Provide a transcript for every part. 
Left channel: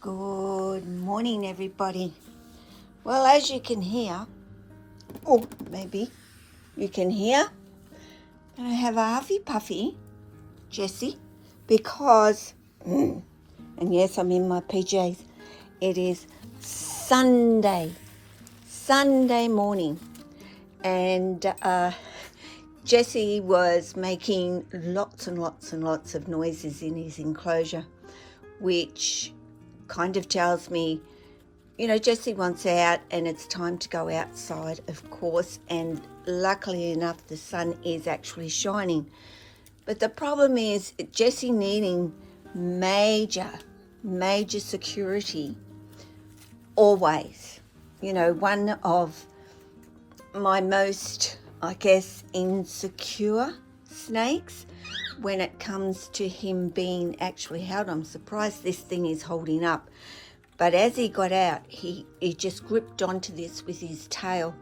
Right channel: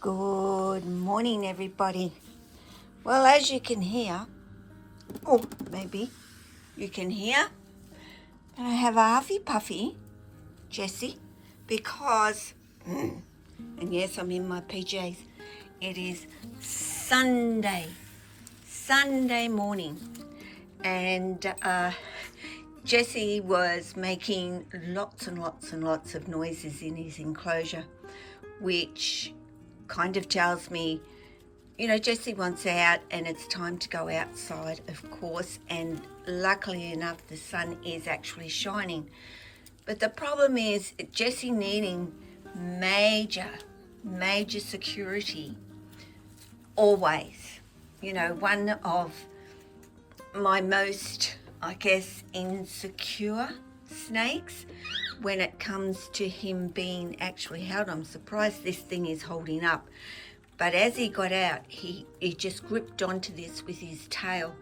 Good morning, everybody. Well, as you can hear, or maybe you can hear, that I have a huffy puffy, Jessie, because, and yes, I'm in my PJs, it is Sunday morning, and Jessie was making lots and lots of noises in his enclosure, which kind of tells me, Jessie wants out and it's time to go outside, of course, and luckily enough the sun is actually shining. But the problem is Jessie needing major security always. One of my most, I guess, insecure snakes when it comes to him being actually held. I'm surprised this thing is holding up. But as he got out, he just gripped onto this with his tail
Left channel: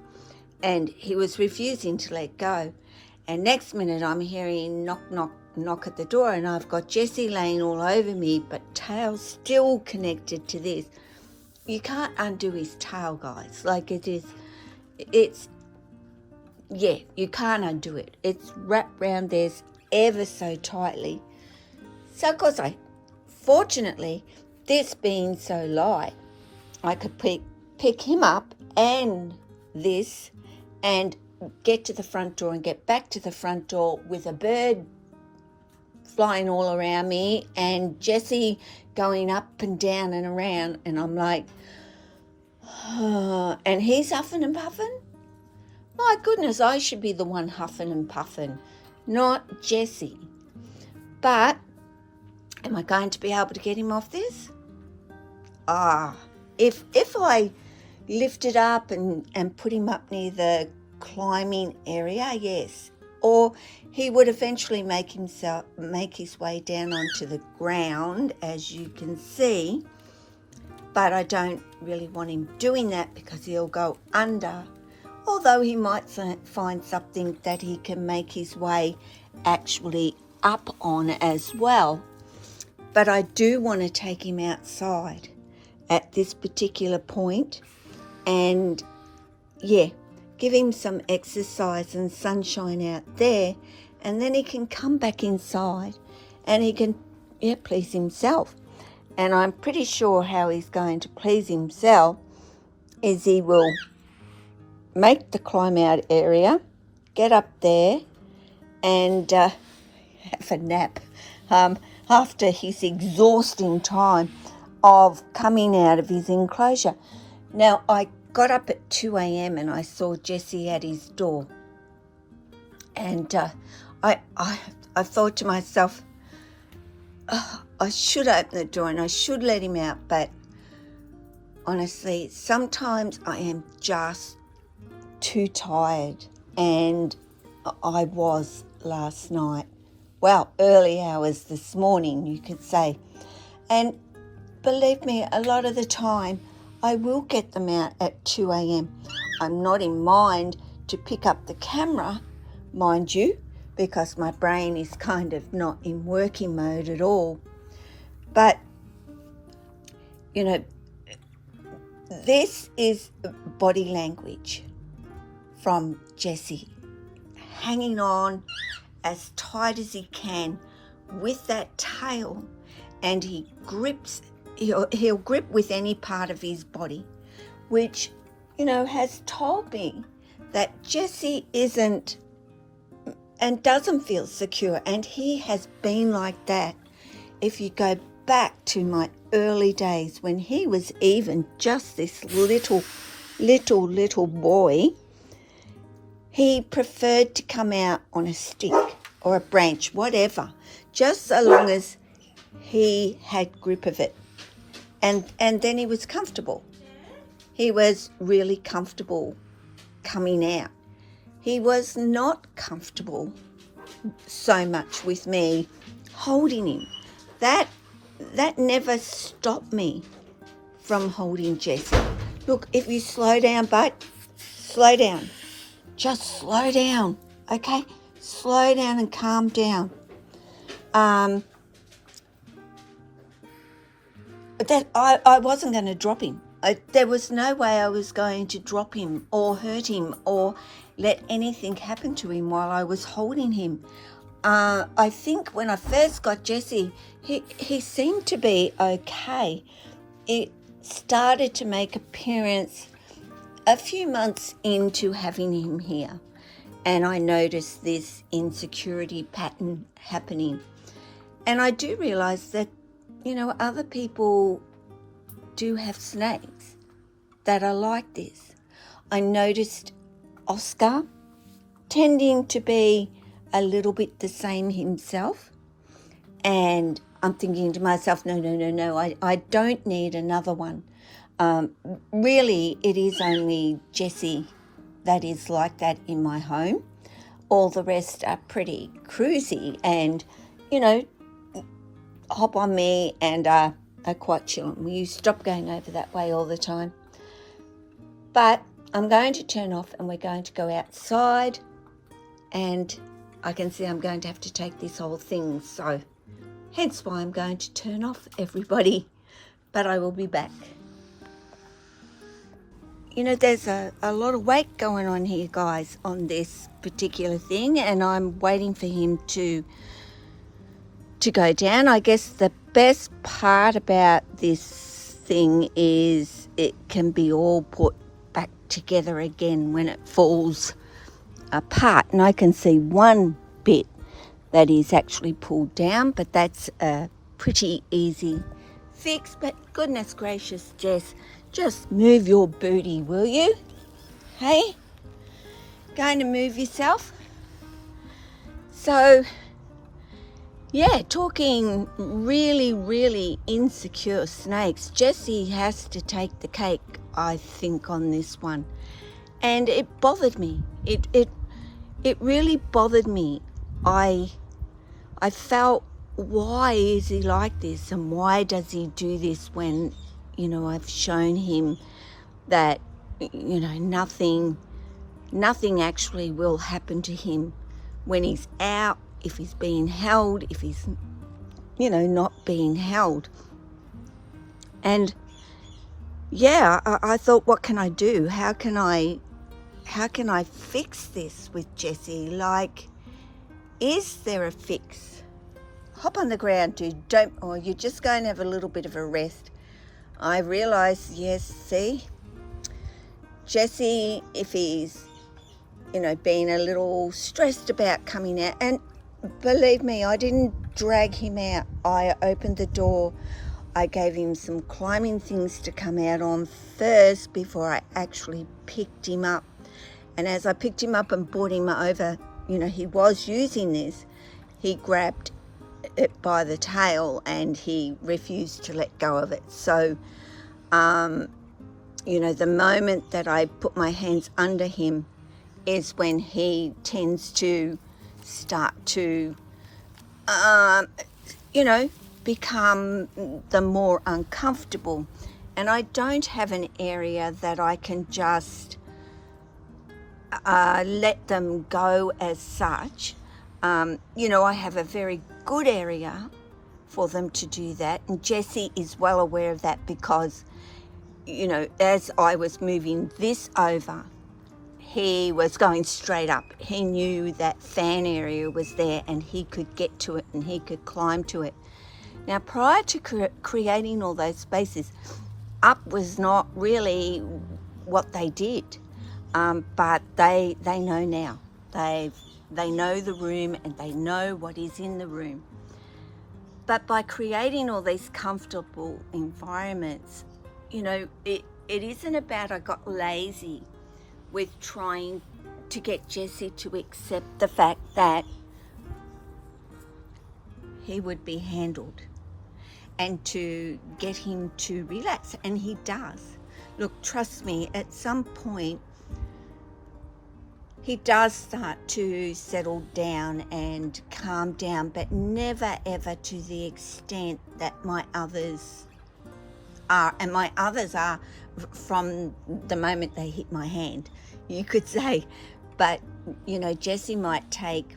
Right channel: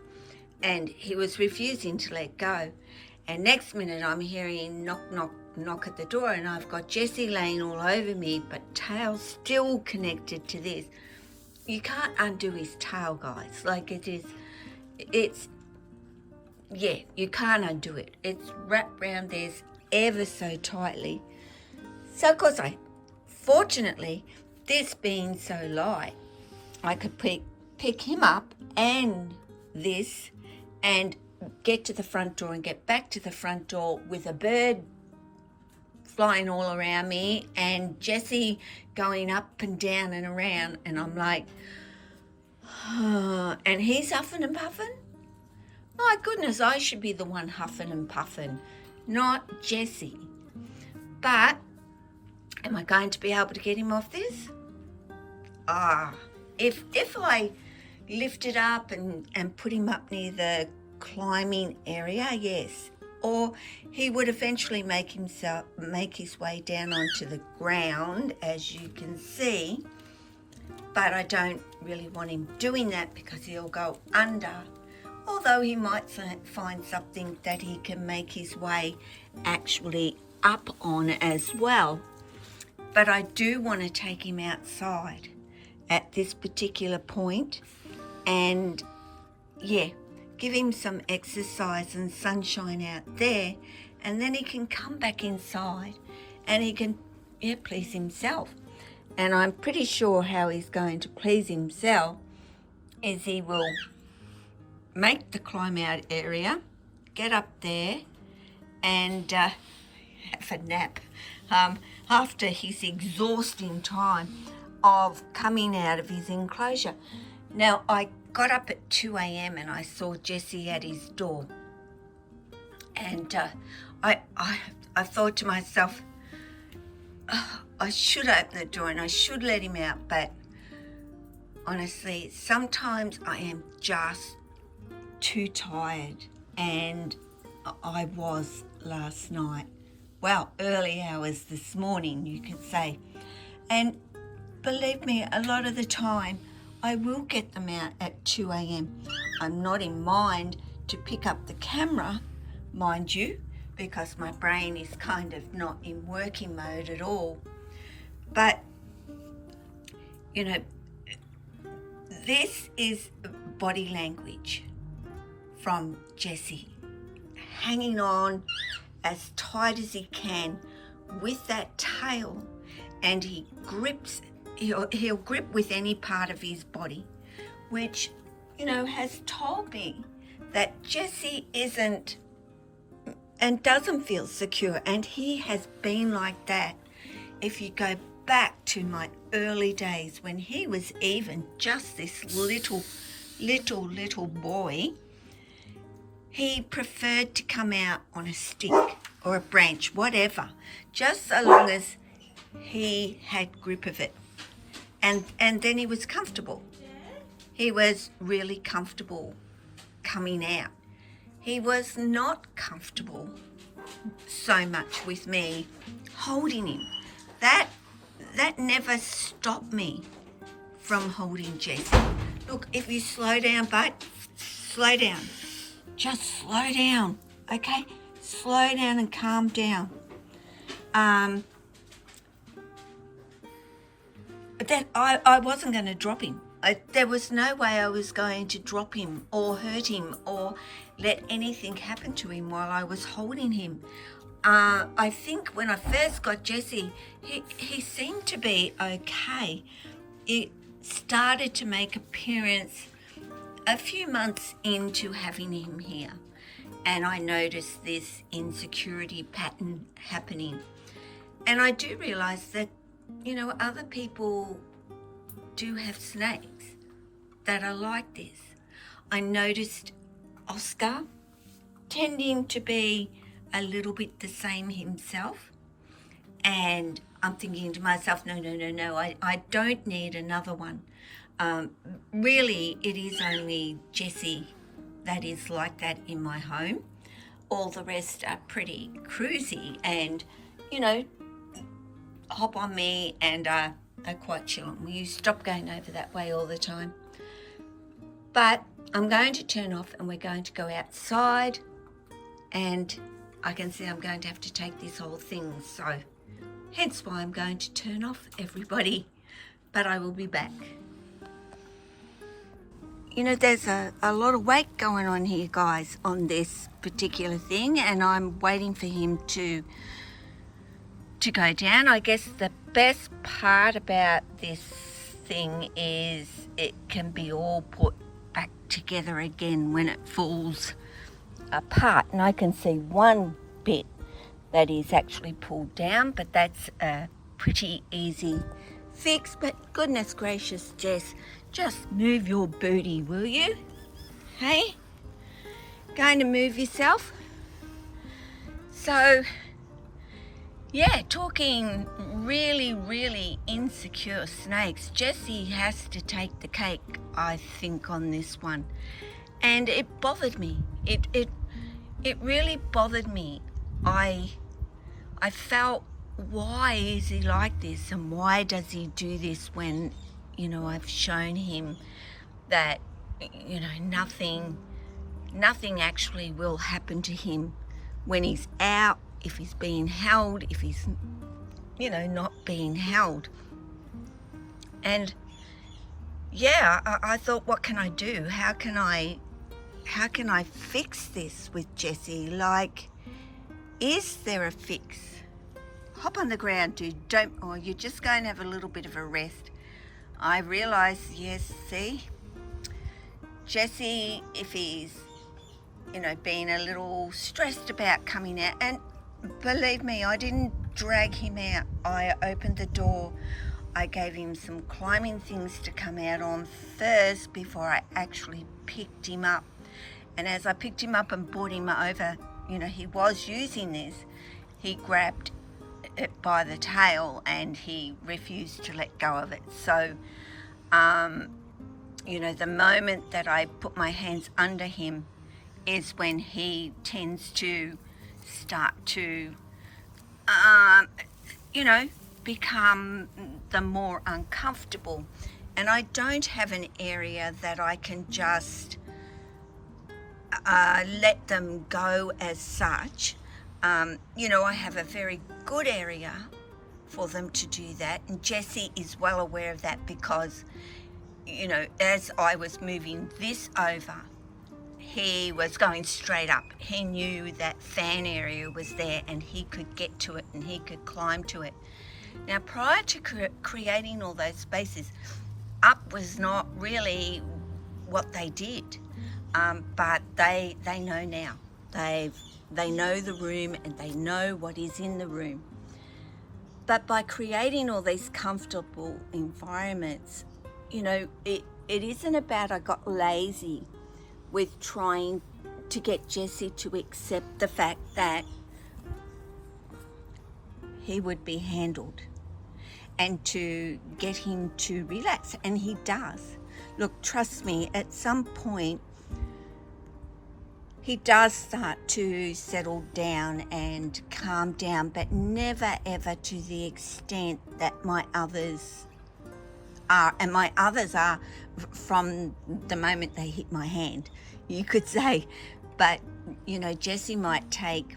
and he was refusing to let go. And next minute I'm hearing knock at the door, and I've got Jessie laying all over me, but tail still connected to this. You can't undo his tail, guys. You can't undo it. It's wrapped round there ever so tightly. So of course fortunately, this being so light, I could pick him up and this and get to the front door and get back to the front door with a bird flying all around me and Jessie going up and down and around, and I'm like, and he's huffing and puffing. My goodness, I should be the one huffing and puffing, not Jessie. But am I going to be able to get him off this? If I lift it up and put him up near the climbing area, yes. Or he would eventually make his way down onto the ground, as you can see. But I don't really want him doing that because he'll go under. Although he might find something that he can make his way actually up on as well. But I do want to take him outside at this particular point and, give him some exercise and sunshine out there, and then he can come back inside and he can, please himself. And I'm pretty sure how he's going to please himself is he will make the climb out area, get up there and have a nap after his exhausting time of coming out of his enclosure. Now, I got up at 2 a.m. and I saw Jessie at his door, and I thought to myself, I should open the door and I should let him out, but honestly, sometimes I am just too tired, and I was last night. Well, early hours this morning, you could say. And believe me, a lot of the time, I will get them out at 2 a.m. I'm not in mind to pick up the camera, mind you, because my brain is kind of not in working mode at all. But, this is body language from Jessie, hanging on as tight as he can with that tail, and he'll grip with any part of his body, which, has told me that Jessie isn't and doesn't feel secure, and he has been like that. If you go back to my early days when he was even just this little boy, he preferred to come out on a stick or a branch, whatever, just so long as he had grip of it. And then he was comfortable. He was really comfortable coming out. He was not comfortable so much with me holding him. That never stopped me from holding Jessie. Look, if you slow down, bud, slow down. Just slow down, okay? Slow down and calm down. That I wasn't going to drop him. There was no way I was going to drop him or hurt him or let anything happen to him while I was holding him. I think when I first got Jesse, he seemed to be okay. It started to make appearance a few months into having him here, and I noticed this insecurity pattern happening. And I do realize that, other people do have snakes that are like this. I noticed Oscar tending to be a little bit the same himself, and I'm thinking to myself, no, I don't need another one. Really, it is only Jessie that is like that in my home. All the rest are pretty cruisy and, hop on me and are quite chill. Will you stop going over that way all the time? But I'm going to turn off and we're going to go outside, and I can see I'm going to have to take this whole thing. So hence why I'm going to turn off, everybody. But I will be back. There's a lot of weight going on here, guys, on this particular thing, and I'm waiting for him to go down. I guess the best part about this thing is it can be all put back together again when it falls apart. And I can see one bit that is actually pulled down, but that's a pretty easy fix. But goodness gracious, Jess, just move your booty, will you? Hey? Going to move yourself? So, yeah, talking really, really insecure snakes, Jessie has to take the cake, I think, on this one. And it bothered me. It really bothered me. I felt, why is he like this, and why does he do this when, I've shown him that, nothing actually will happen to him when he's out, if he's being held, if he's, not being held. And yeah, I thought, what can I do? How can I fix this with Jessie? Like, is there a fix? Hop on the ground, dude. You're just going to have a little bit of a rest. I realise, yes, see, Jessie, if he's, being a little stressed about coming out, and believe me, I didn't drag him out. I opened the door. I gave him some climbing things to come out on first before I actually picked him up. And as I picked him up and brought him over, he was using this. He grabbed it by the tail and he refused to let go of it. So, the moment that I put my hands under him is when he tends to start to, become the more uncomfortable. And I don't have an area that I can just let them go as such. I have a very good area for them to do that, and Jessie is well aware of that because, as I was moving this over, he was going straight up. He knew that fan area was there and he could get to it and he could climb to it. Now, prior to creating all those spaces, up was not really what they did, but they know now. They know the room and they know what is in the room. But by creating all these comfortable environments, it isn't about I got lazy with trying to get Jessie to accept the fact that he would be handled and to get him to relax, and he does. Look, trust me, at some point he does start to settle down and calm down, but never ever to the extent that my others are, and my others are from the moment they hit my hand, you could say. But, you know, Jesse might take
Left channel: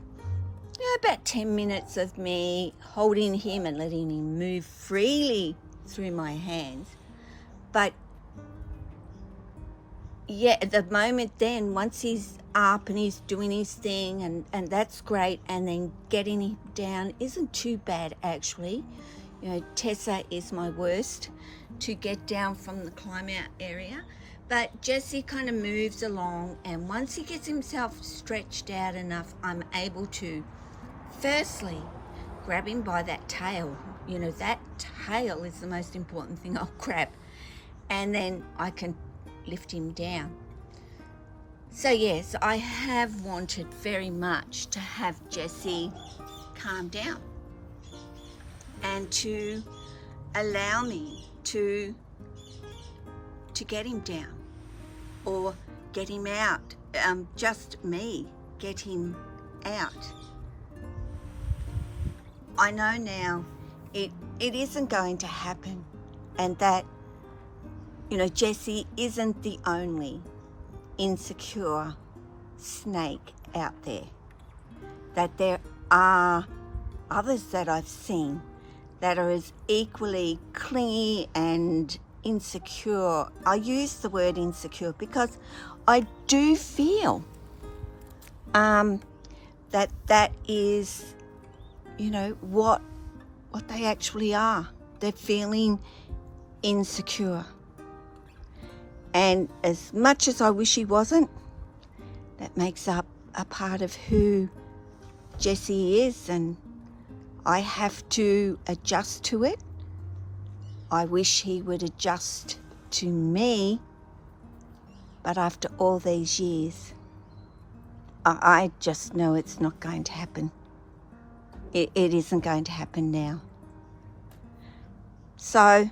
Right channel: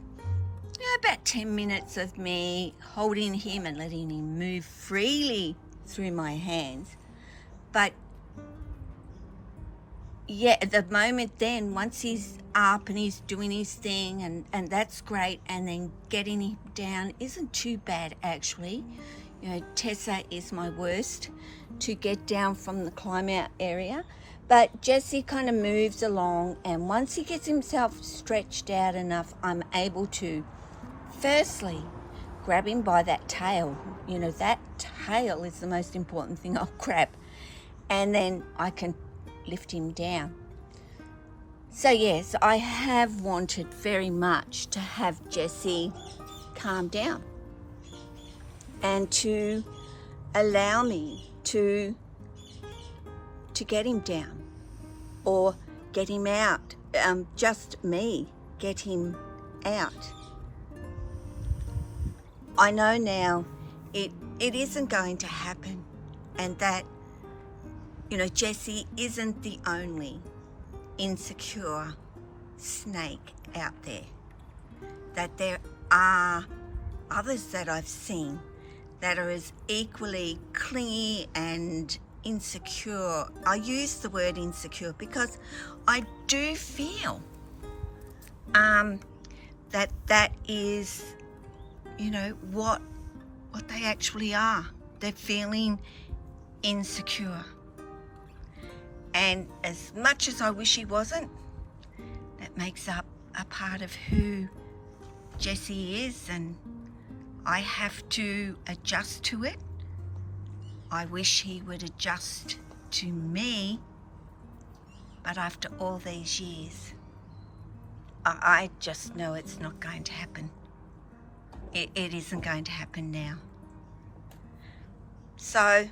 about 10 minutes of me holding him and letting him move freely through my hands. But yeah, at the moment then, once he's up and he's doing his thing, and that's great, and then getting him down isn't too bad actually. You know, Tessa is my worst to get down from the climb out area, but Jesse kind of moves along, and once he gets himself stretched out enough, I'm able to firstly grab him by that tail. You know, that tail is the most important thing I'll grab, and then I can lift him down. So yes, I have wanted very much to have Jesse calm down and to allow me to get him down or get him out, just me get him out. I know now it isn't going to happen, and that, you know, Jesse isn't the only insecure snake out there, that there are others that I've seen that are as equally clingy and insecure. I use the word insecure because I do feel that is, you know, what they actually are. They're feeling insecure. And as much as I wish he wasn't, that makes up a part of who Jesse is, and I have to adjust to it. I wish he would adjust to me, but after all these years, I just know it's not going to happen. It isn't going to happen now. So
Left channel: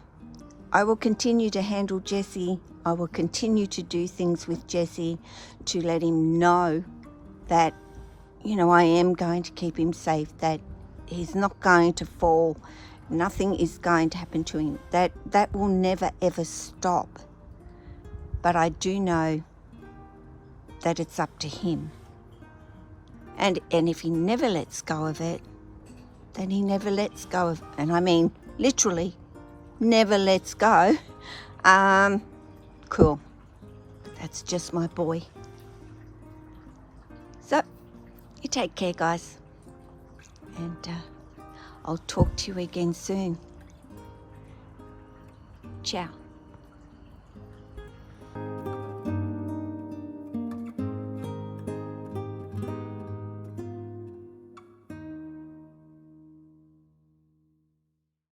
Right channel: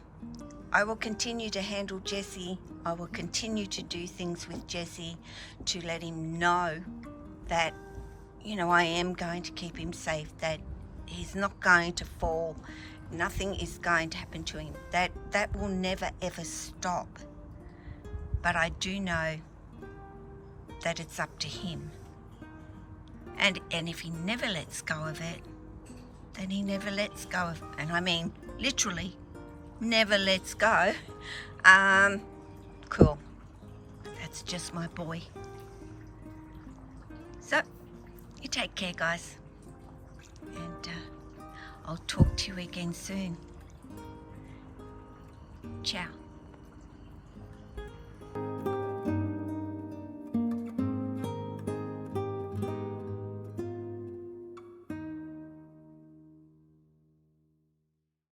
I will continue to handle Jesse. I will continue to do things with Jesse to let him know that, you know, I am going to keep him safe, that he's not going to fall, nothing is going to happen to him. That will never ever stop. But I do know that it's up to him. And if he never lets go of it, then he never lets go of it. And I mean literally never lets go. Cool. That's just my boy. So, you take care, guys. And I'll talk to you again soon. Ciao.